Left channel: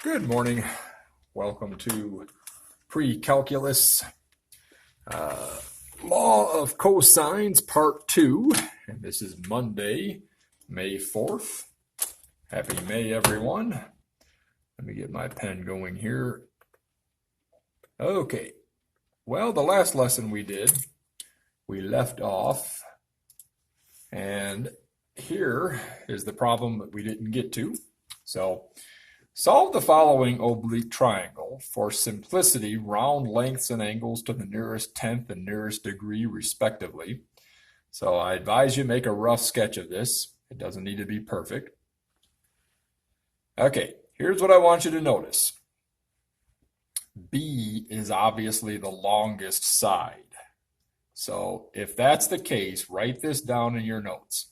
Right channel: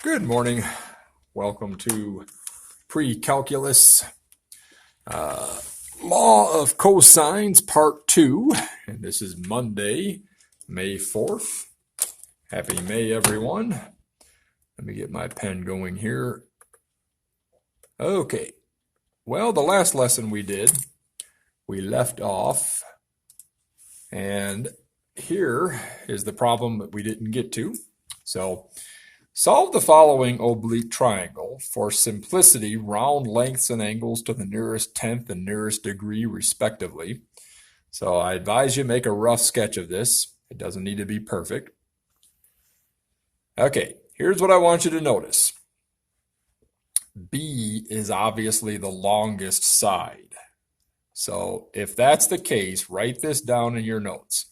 Good morning. Welcome to Precalculus, Law of Cosines, Part 2. And this is Monday, May 4th. Happy May, everyone. Let me get my pen going here. Okay. Well, the last lesson we did, we left off. And here is the problem that we didn't get to. So, solve the following oblique triangle. For simplicity, round lengths and angles to the nearest tenth and nearest degree, respectively. So I advise you make a rough sketch of this. It doesn't need to be perfect. Okay, here's what I want you to notice. B is obviously the longest side. So if that's the case, write this down in your notes.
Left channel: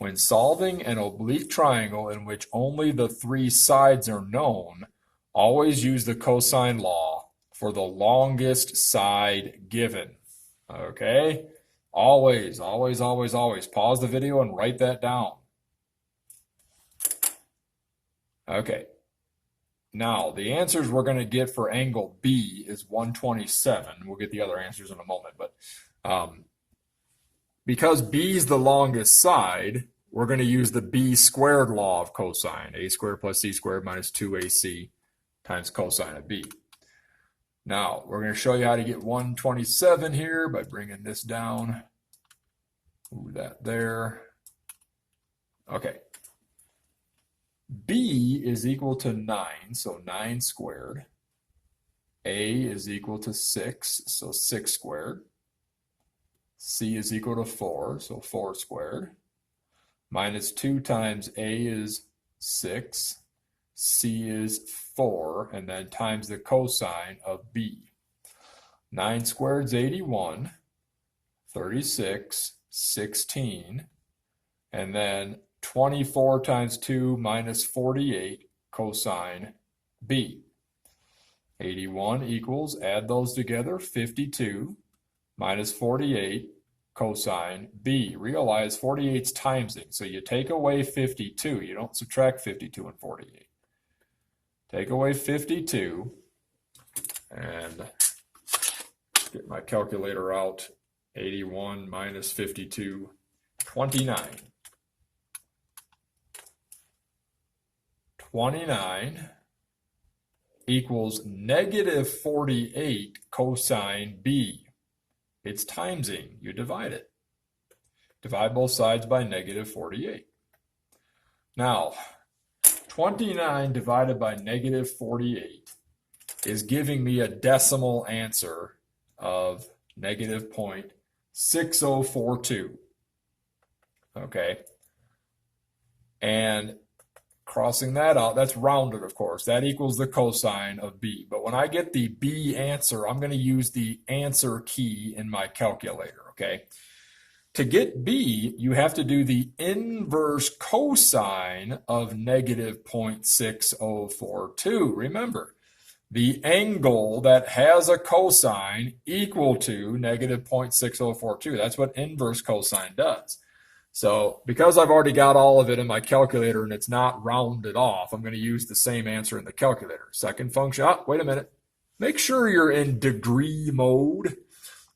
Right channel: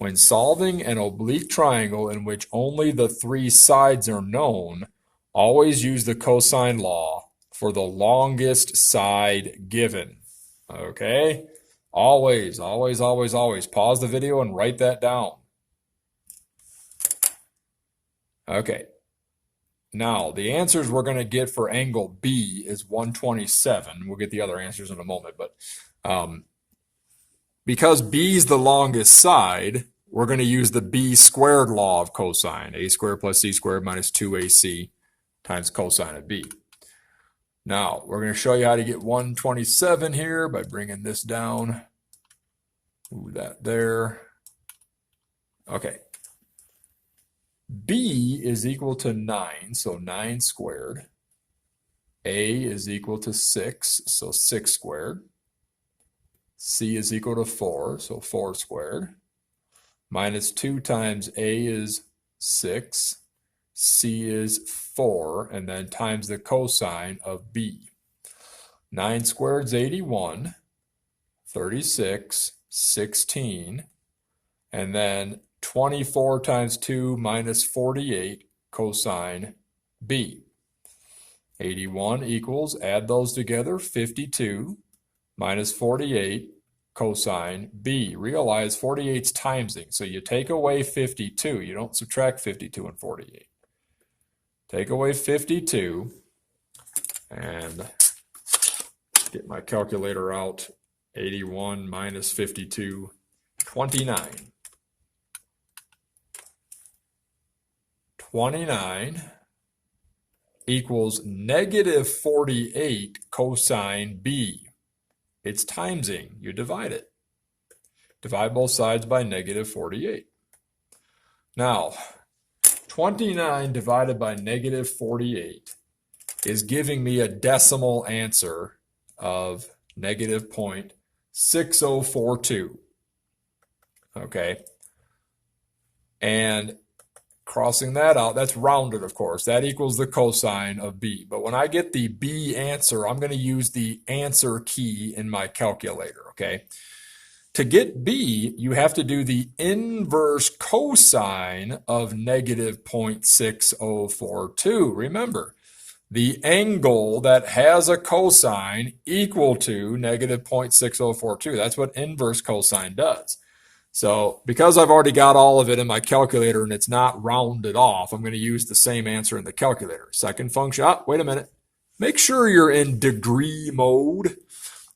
When solving an oblique triangle in which only the three sides are known, always use the cosine law for the longest side given. Okay? Always, always, always, always. Pause the video and write that down. Okay. Now, the answers we're going to get for angle B is 127. We'll get the other answers in a moment, but because B is the longest side, we're going to use the B squared law of cosine. A squared plus C squared minus 2AC times cosine of B. Now, we're going to show you how to get 127 here by bringing this down. Move that there. Okay. B is equal to 9, so 9 squared. A is equal to 6, so 6 squared. C is equal to 4, so 4 squared. Minus 2 times A is 6. C is 4, and then times the cosine of B. 9 squared is 81, 36, 16, and then 24 times 2 minus 48 cosine B. 81 equals, add those together, 52 minus 48 cosine B. Realize 48's timesing, so you take away 52. You don't subtract 52 and 48. Take away 52 and get my calculator out. 81 minus 52, 29. 29 equals negative 48 cosine B. It's timesing. You divide it. Divide both sides by negative 48. Now, 29 divided by negative 48 is giving me a decimal answer of negative 0.6042. Okay. And crossing that out, that's rounded, of course. That equals the cosine of B. But when I get the B answer, I'm going to use the answer key in my calculator, okay? To get B, you have to do the inverse cosine of negative 0.6042. Remember, the angle that has a cosine equal to negative 0.6042. That's what inverse cosine does. So because I've already got all of it in my calculator and it's not rounded off, I'm going to use the same answer in the calculator. Second function, wait a minute. Make sure you're in degree mode.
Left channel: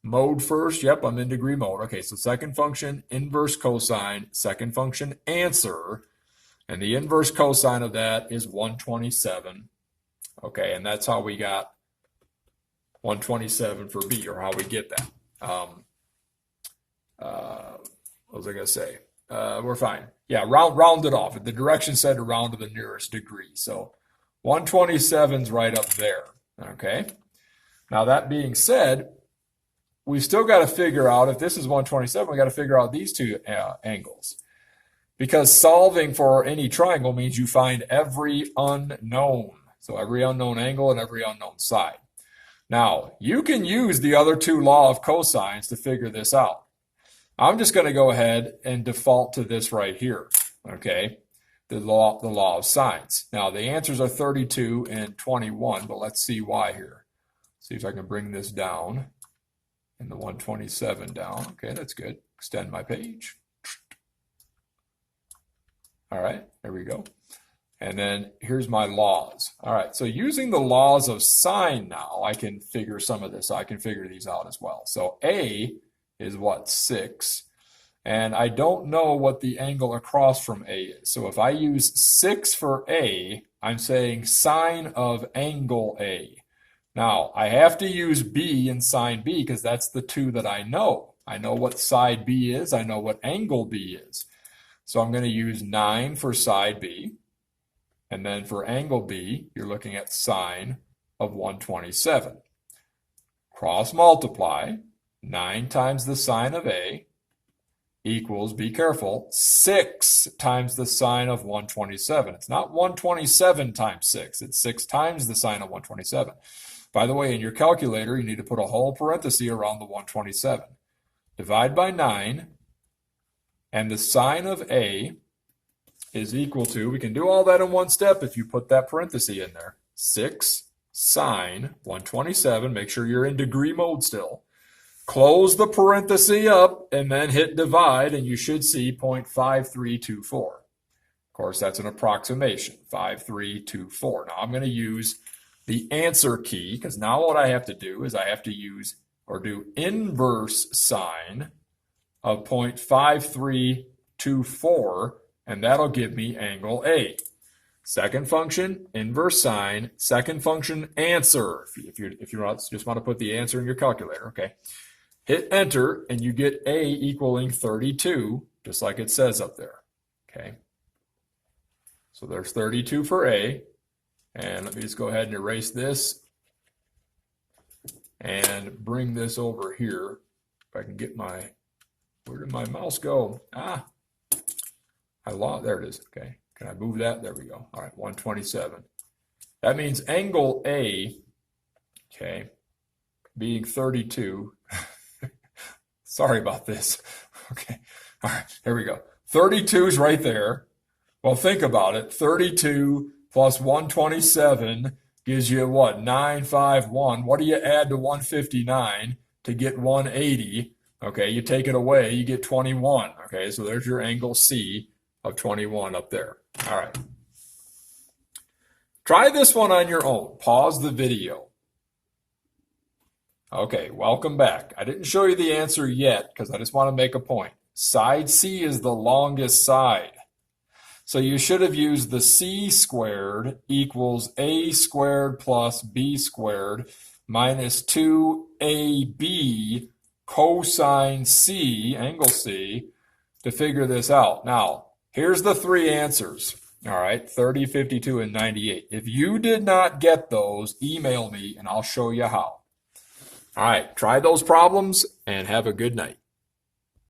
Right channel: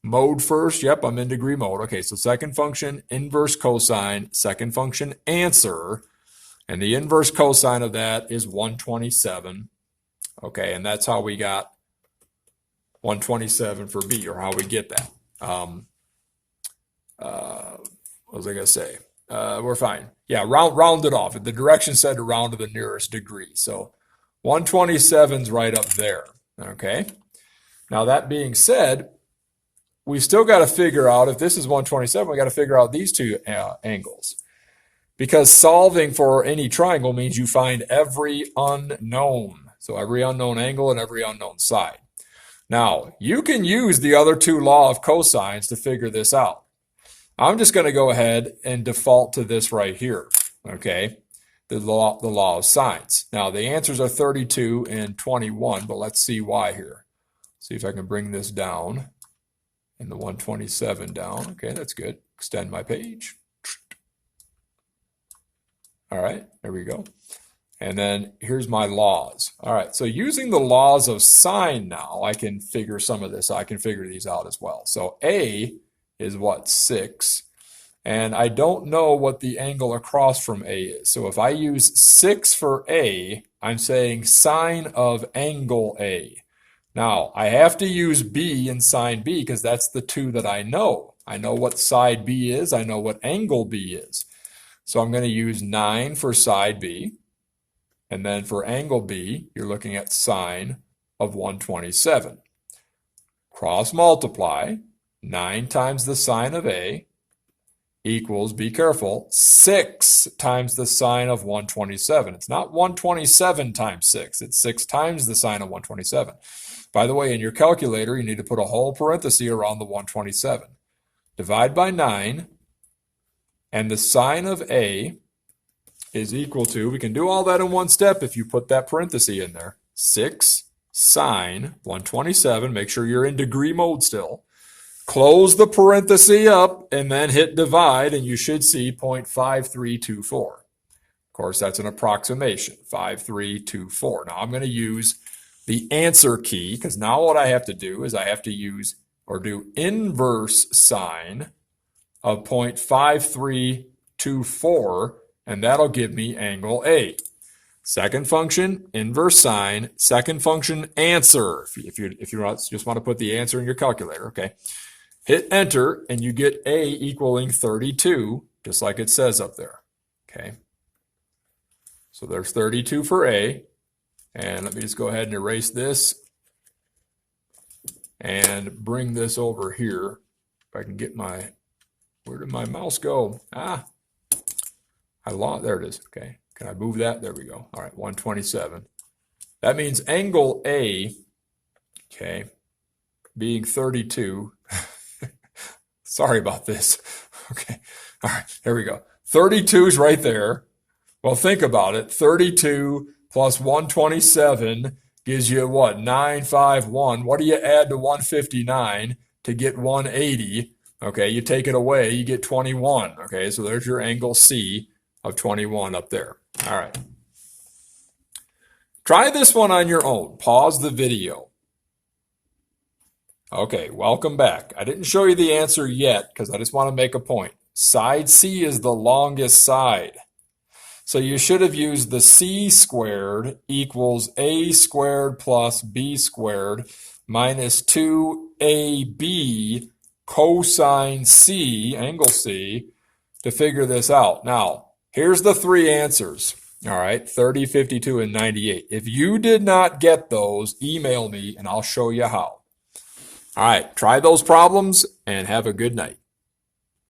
Mode first, yep, I'm in degree mode. Okay, so second function, inverse cosine, second function, answer. And the inverse cosine of that is 127. Okay, and that's how we got 127 for B, or how we get that. What was I going to say? We're fine. Yeah, round it off. The direction said to round to the nearest degree. So 127's right up there. Okay. Now that being said, we still got to figure out, if this is 127, we got to figure out these two angles. Because solving for any triangle means you find every unknown. So every unknown angle and every unknown side. Now, you can use the other two law of cosines to figure this out. I'm just going to go ahead and default to this right here, okay? The law of sines. Now, the answers are 32 and 21, but let's see why here. See if I can bring this down and the 127 down. Okay, that's good. Extend my page. All right, there we go. And then here's my laws. All right, so using the laws of sine now, I can figure some of this. I can figure these out as well. So A is what, 6. And I don't know what the angle across from A is. So if I use 6 for A, I'm saying sine of angle A. Now, I have to use B and sine B because that's the two that I know. I know what side B is. I know what angle B is. So I'm going to use 9 for side B. And then for angle B, you're looking at sine of 127. Cross multiply, 9 times the sine of A equals, be careful, 6 times the sine of 127. It's not 127 times 6. It's 6 times the sine of 127. By the way, in your calculator, you need to put a whole parenthesis around the 127. Divide by 9, and the sine of A is equal to, we can do all that in one step if you put that parenthesis in there, 6 sine 127, make sure you're in degree mode still, close the parenthesis up, and then hit divide, and you should see 0.5324. Of course, that's an approximation, 5324. Now I'm going to use the answer key, because now what I have to do is I have to use or do inverse sine of 0.5324, and that'll give me angle A. Second function, inverse sine. Second function, answer. If you just want to put the answer in your calculator, okay. Hit enter, and you get A equaling 32, just like it says up there, okay. So there's 32 for A, and let me just go ahead and erase this and bring this over here. If I can get my, where did my mouse go? I lost, there it is, okay. Can I move that? There we go. All right, 127. That means angle A, okay, being 32. Sorry about this. Okay, all right, here we go. 32 is right there. Well, think about it. 32 plus 127 gives you what? 951. What do you add to 159 to get 180? Okay, you take it away, you get 21. Okay, so there's your angle C of 21 up there. All right. Try this one on your own. Pause the video. Okay, welcome back. I didn't show you the answer yet because I just want to make a point. Side C is the longest side. So you should have used the C squared equals A squared plus B squared minus 2AB cosine C, angle C, to figure this out. Now, here's the three answers. All right, 30, 52, and 98. If you did not get those, email me and I'll show you how. All right, try those problems and have a good night.